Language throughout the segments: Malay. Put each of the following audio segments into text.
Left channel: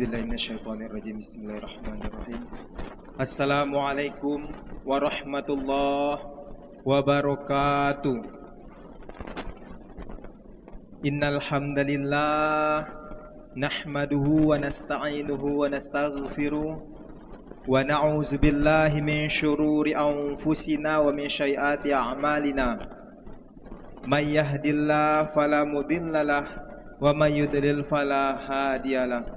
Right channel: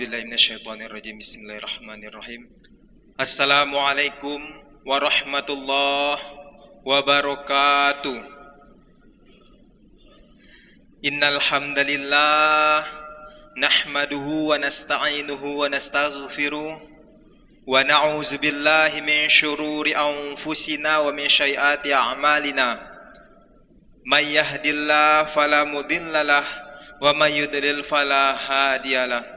A'udzubillahi minasyaitonirrajim. Bismillahirrahmanirrahim. Assalamualaikum warahmatullahi wabarakatuh. Innal hamdalillah nahmaduhu wa nasta'inuhu wa nastaghfiruh wa na'udzu billahi min syururi anfusina wa min sayyiati a'malina. May yahdihillahu fala mudhillalah wa may yudlil fala hadiyalah.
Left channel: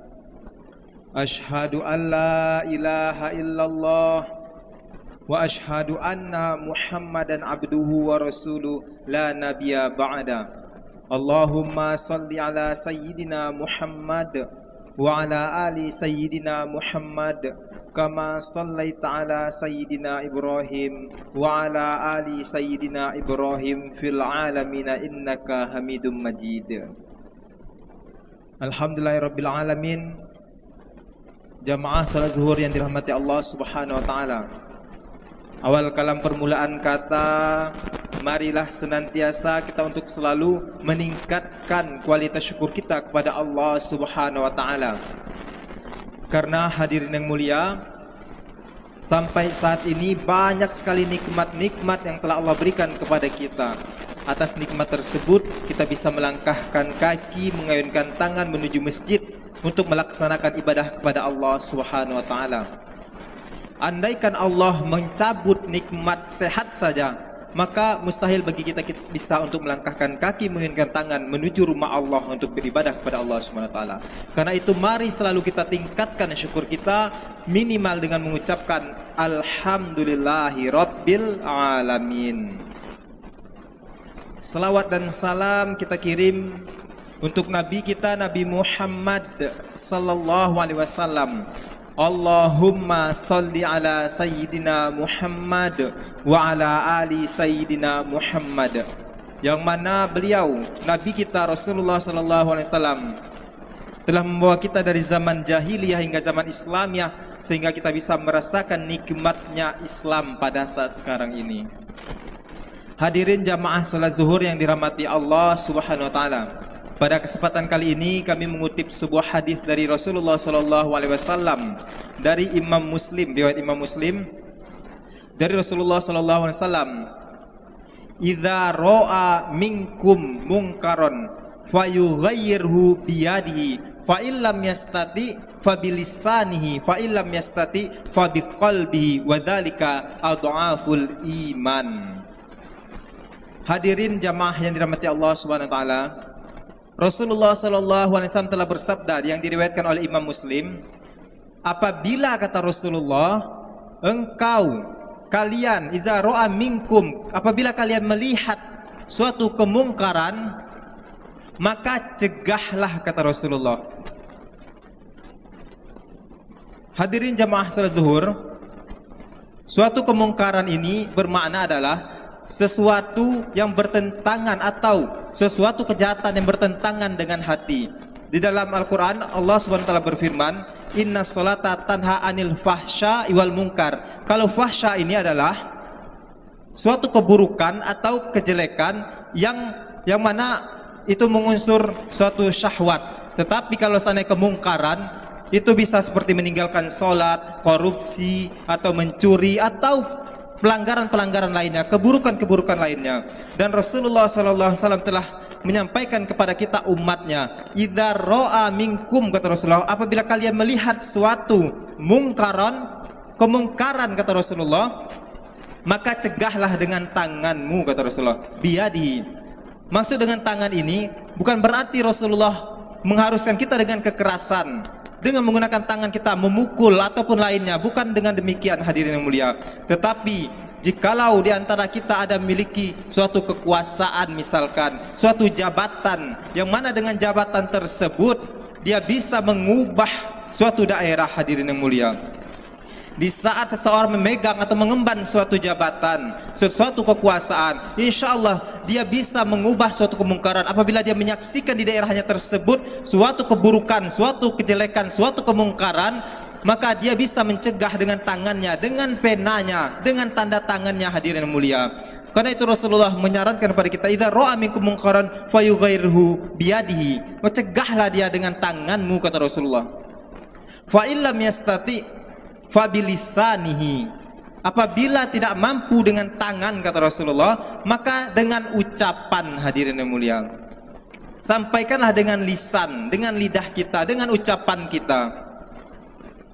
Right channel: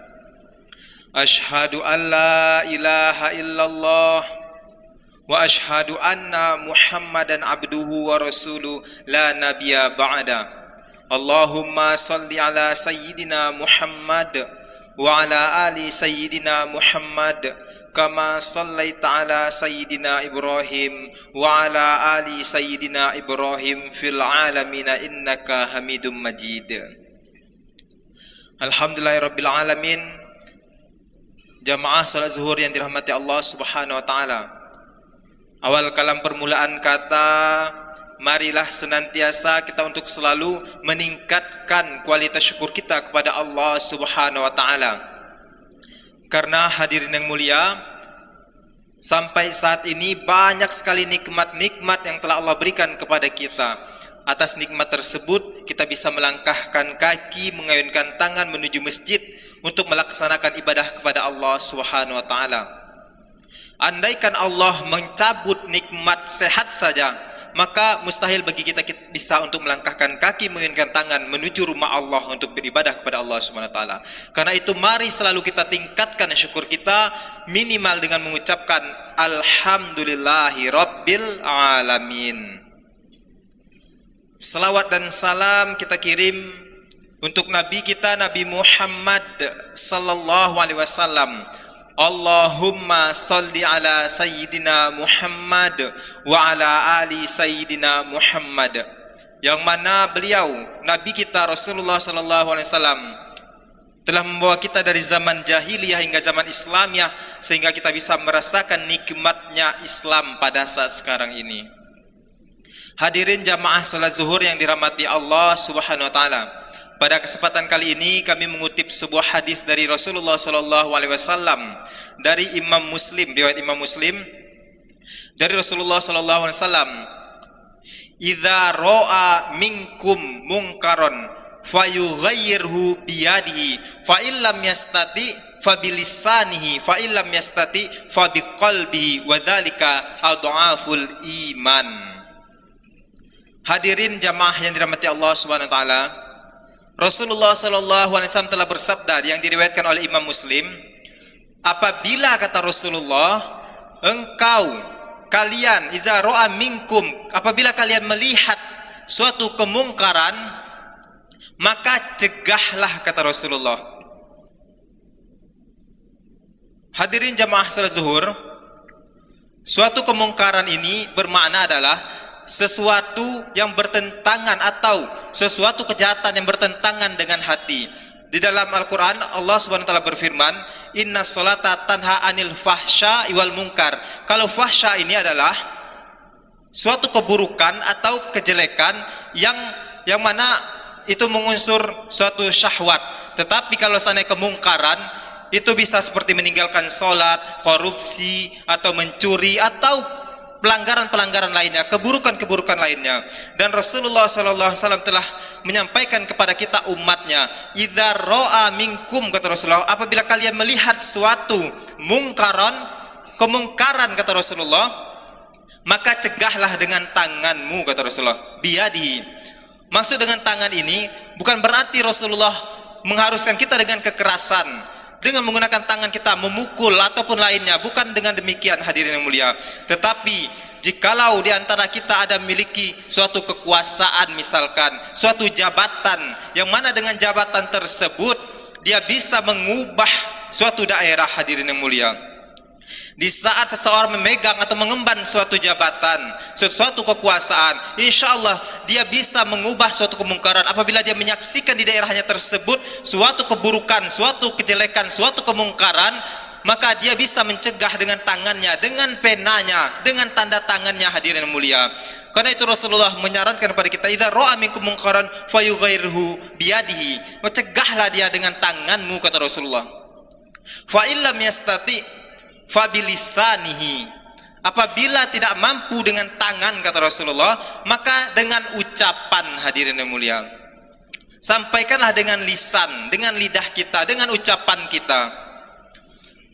Asyhadu an la ilaha illallah wa asyhadu anna Muhammadan abduhu wa rasuluh la nabiyya ba'da. Allahumma salli ala sayyidina Muhammad wa ala ali sayyidina Muhammad kama sallaita ala sayyidina Ibrahim wa ala ali sayyidina Ibrahim fil alamin innaka Hamidum Majid. Alhamdulillahirabbil alamin. Jamaah salat zuhur yang dirahmati Allah Subhanahu wa taala. Awal kalam permulaan kata, marilah senantiasa kita untuk selalu meningkatkan kualitas syukur kita kepada Allah Subhanahu wa taala. Karena hadirin yang mulia, sampai saat ini banyak sekali nikmat-nikmat yang telah Allah berikan kepada kita. Atas nikmat tersebut kita bisa melangkahkan kaki, mengayunkan tangan menuju masjid untuk melaksanakan ibadah kepada Allah Subhanahu wa taala. Andaikan Allah mencabut nikmat sehat saja, maka mustahil bagi kita bisa untuk melangkahkan kaki, mengayunkan tangan menuju rumah Allah untuk beribadah kepada Allah Subhanahu wa taala. Karena itu mari selalu kita tingkatkan syukur kita minimal dengan mengucapkan alhamdulillahi rabbil alamin. Salawat dan salam kita kirim untuk Nabi kita Nabi Muhammad sallallahu alaihi wasallam. Allahumma salli ala sayyidina Muhammad wa ala ali sayyidina Muhammad. Yang mana beliau Nabi kita Rasulullah sallallahu alaihi wasallam telah membawa kita dari zaman jahiliyah hingga zaman Islamiyah, sehingga kita bisa merasakan nikmatnya Islam pada saat sekarang ini. Hadirin jamaah salat zuhur yang dirahmati Allah Subhanahu wa taala. Pada kesempatan kali ini kami mengutip sebuah hadis dari Rasulullah sallallahu alaihi wasallam dari Imam Muslim, riwayat Imam Muslim dari Rasulullah sallallahu alaihi wasallam. Idza ra'a minkum munkaron fayughayyirhu biyadihi fa illam yastati fa bilisanihi fa illam yastati fa biqalbihi wa dzalika adhaful iman. Hadirin jamaah yang dirahmati Allah Subhanahu wa taala, Rasulullah sallallahu alaihi wasallam telah bersabda yang diriwayatkan oleh Imam Muslim, apabila kata Rasulullah, kalian iza ra'a minkum, apabila kalian melihat suatu kemungkaran, maka cegahlah kata Rasulullah. Hadirin jamaah salat zuhur, suatu kemungkaran ini bermakna adalah sesuatu yang bertentangan atau sesuatu kejahatan yang bertentangan dengan hati. Di dalam Al-Quran Allah Subhanahu wa taala berfirman, inna sholata tanha anil fahsya wal munkar. Kalau fahsya ini adalah suatu keburukan atau kejelekan yang mana itu mengunsur suatu syahwat. Tetapi kalau seandainya kemungkaran, itu bisa seperti meninggalkan sholat, korupsi, atau mencuri, atau pelanggaran-pelanggaran lainnya, keburukan-keburukan lainnya. Dan Rasulullah SAW telah menyampaikan kepada kita umatnya, idza ra'a minkum, kata Rasulullah, apabila kalian melihat suatu kemungkaran kata Rasulullah, maka cegahlah dengan tanganmu, kata Rasulullah, biyadihi. Maksud dengan tangan ini bukan berarti Rasulullah mengharuskan kita dengan kekerasan, dengan menggunakan tangan kita memukul ataupun lainnya, bukan dengan demikian hadirin yang mulia. Tetapi jikalau di antara kita ada memiliki suatu kekuasaan, misalkan suatu jabatan, yang mana dengan jabatan tersebut dia bisa mengubah suatu daerah, hadirin yang mulia. Di saat seseorang memegang atau mengemban suatu jabatan, suatu kekuasaan, insya Allah dia bisa mengubah suatu kemungkaran. Apabila dia menyaksikan di daerahnya tersebut suatu keburukan, suatu kejelekan, suatu kemungkaran, maka dia bisa mencegah dengan tangannya, dengan penanya, dengan tanda tangannya, hadirin mulia. Karena itu Rasulullah menyarankan kepada kita, idza ra'a minkum munkaran fayughayyirhu biyadihi, mencegahlah dia dengan tanganmu, kata Rasulullah. Fa illam yastati fa bilisanihi. Apabila tidak mampu dengan tangan, kata Rasulullah, maka dengan ucapan, hadirin yang mulia. Sampaikanlah dengan lisan, dengan lidah kita, dengan ucapan kita.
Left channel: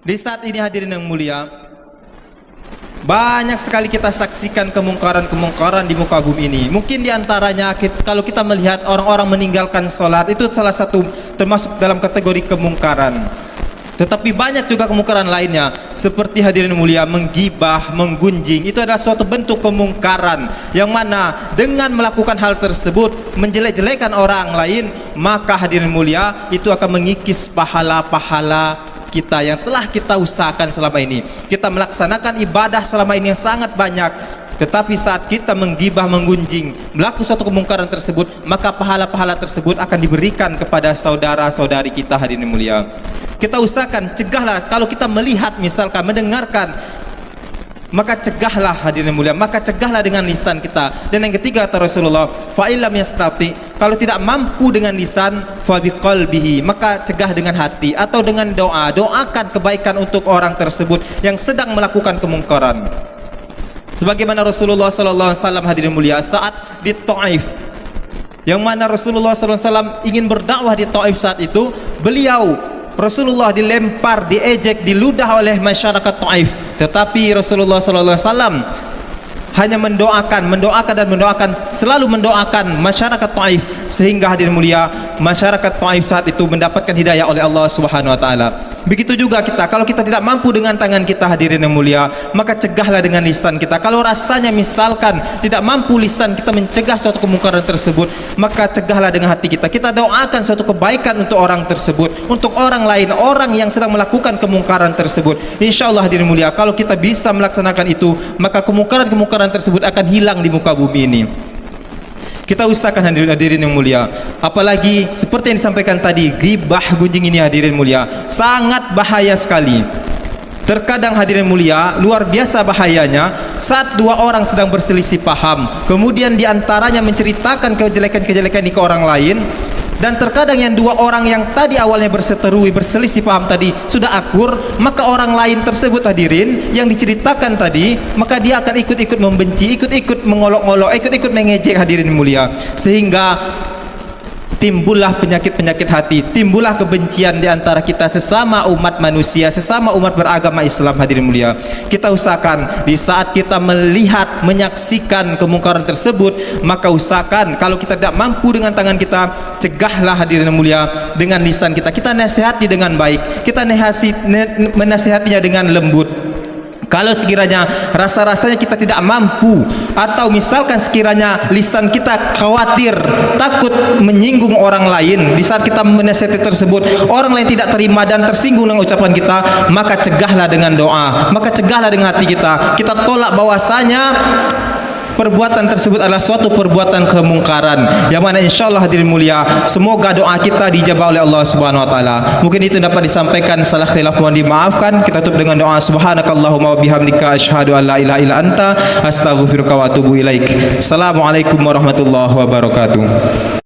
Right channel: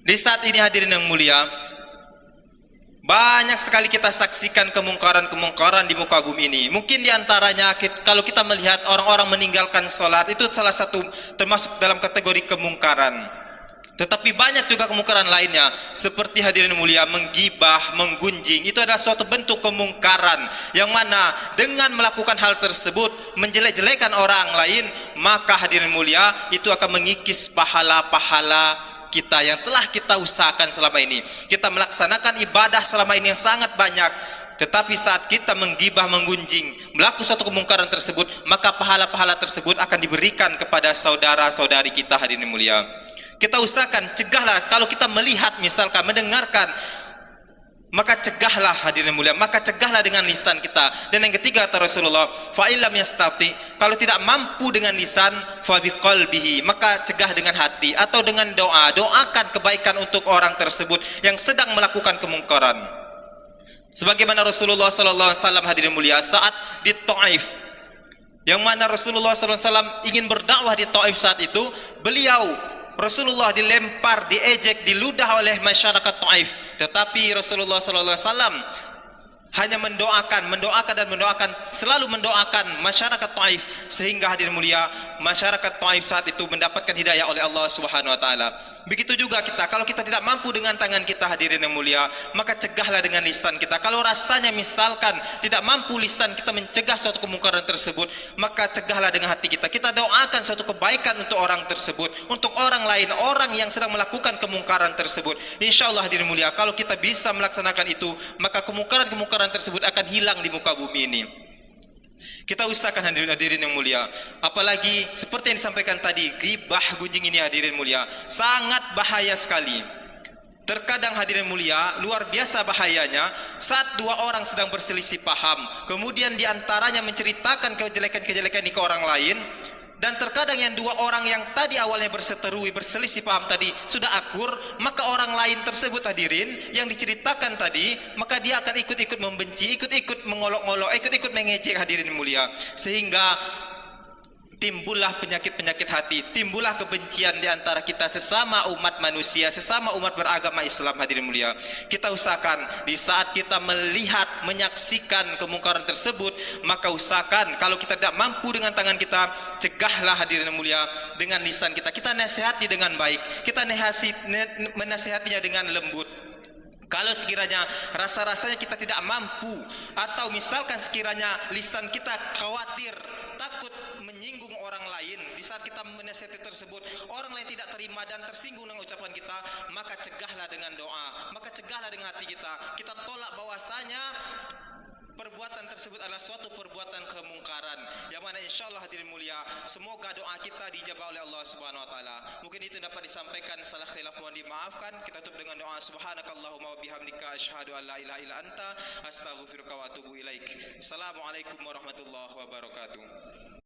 Di saat ini hadirin yang mulia, banyak sekali kita saksikan kemungkaran-kemungkaran di muka bumi ini. Mungkin diantaranya kalau kita melihat orang-orang meninggalkan sholat, itu salah satu termasuk dalam kategori kemungkaran. Tetapi banyak juga kemungkaran lainnya, seperti hadirin mulia, menggibah, menggunjing. Itu adalah suatu bentuk kemungkaran yang mana dengan melakukan hal tersebut, menjelek-jelekan orang lain, maka hadirin mulia, itu akan mengikis pahala-pahala kita yang telah kita usahakan selama ini. Kita melaksanakan ibadah selama ini yang sangat banyak, tetapi saat kita menggibah, menggunjing, melakukan suatu kemungkaran tersebut, maka pahala-pahala tersebut akan diberikan kepada saudara-saudari kita, hadirin mulia. Kita usahakan, cegahlah. Kalau kita melihat, misalkan mendengarkan, maka cegahlah, hadirin mulia, maka cegahlah dengan lisan kita. Dan yang ketiga, kata Rasulullah, fa illam yastati, kalau tidak mampu dengan lisan, fa biqalbihi, maka cegah dengan hati atau dengan doa. Doakan kebaikan untuk orang tersebut yang sedang melakukan kemungkaran. Sebagaimana Rasulullah sallallahu alaihi wasallam, hadirin mulia, saat di Taif, yang mana Rasulullah sallallahu alaihi wasallam ingin berdakwah di Taif, saat itu Rasulullah dilempar, diejek, diludah oleh masyarakat Taif. Tetapi Rasulullah sallallahu alaihi wasallam hanya mendoakan, selalu mendoakan masyarakat Taif, sehingga hadirin mulia, masyarakat Taif saat itu mendapatkan hidayah oleh Allah Subhanahu wa taala. Begitu juga kita, kalau kita tidak mampu dengan tangan kita, hadirin yang mulia, maka cegahlah dengan lisan kita. Kalau rasanya misalkan tidak mampu lisan kita mencegah suatu kemungkaran tersebut, maka cegahlah dengan hati kita. Kita doakan suatu kebaikan untuk orang tersebut, untuk orang lain, orang yang sedang melakukan kemungkaran tersebut. Insyaallah hadirin mulia, kalau kita bisa melaksanakan itu, maka kemungkaran tersebut akan hilang di muka bumi ini. Kita usahakan, hadirin yang mulia. Apalagi seperti yang disampaikan tadi, ghibah, gunjing ini, hadirin mulia, sangat bahaya sekali. Terkadang hadirin mulia, luar biasa bahayanya saat dua orang sedang berselisih paham, kemudian diantaranya menceritakan kejelekan-kejelekan ini ke orang lain. Dan terkadang yang dua orang yang tadi awalnya berseteru, berselisih paham tadi sudah akur, maka orang lain tersebut, hadirin, yang diceritakan tadi, maka dia akan ikut-ikut membenci, ikut-ikut mengolok-olok, ikut-ikut mengejek, hadirin mulia, sehingga timbullah penyakit-penyakit hati, timbullah kebencian di antara kita sesama umat manusia, sesama umat beragama Islam, hadirin mulia. Kita usahakan di saat kita melihat, menyaksikan kemungkaran tersebut, maka usahakan kalau kita tidak mampu dengan tangan kita, cegahlah, hadirin mulia, dengan lisan kita. Kita nasihati dengan baik, kita menasihatinya dengan lembut. Kalau sekiranya rasa-rasanya kita tidak mampu, atau misalkan sekiranya lisan kita khawatir, takut menyinggung orang lain, di saat kita menasihati tersebut orang lain tidak terima dan tersinggung dengan ucapan kita, maka cegahlah dengan doa, maka cegahlah dengan hati kita. Kita tolak bahwasanya perbuatan tersebut adalah suatu perbuatan kemungkaran, yang mana insyaallah hadirin mulia, semoga doa kita dijabah oleh Allah Subhanahu wa taala. Mungkin itu dapat disampaikan, salah khilaf mohon dimaafkan. Kita tutup dengan doa, subhanakallahumma wa bihamdika asyhadu an la ilaha illa anta astaghfiruka wa atubu ilaik. Assalamualaikum warahmatullahi wabarakatuh.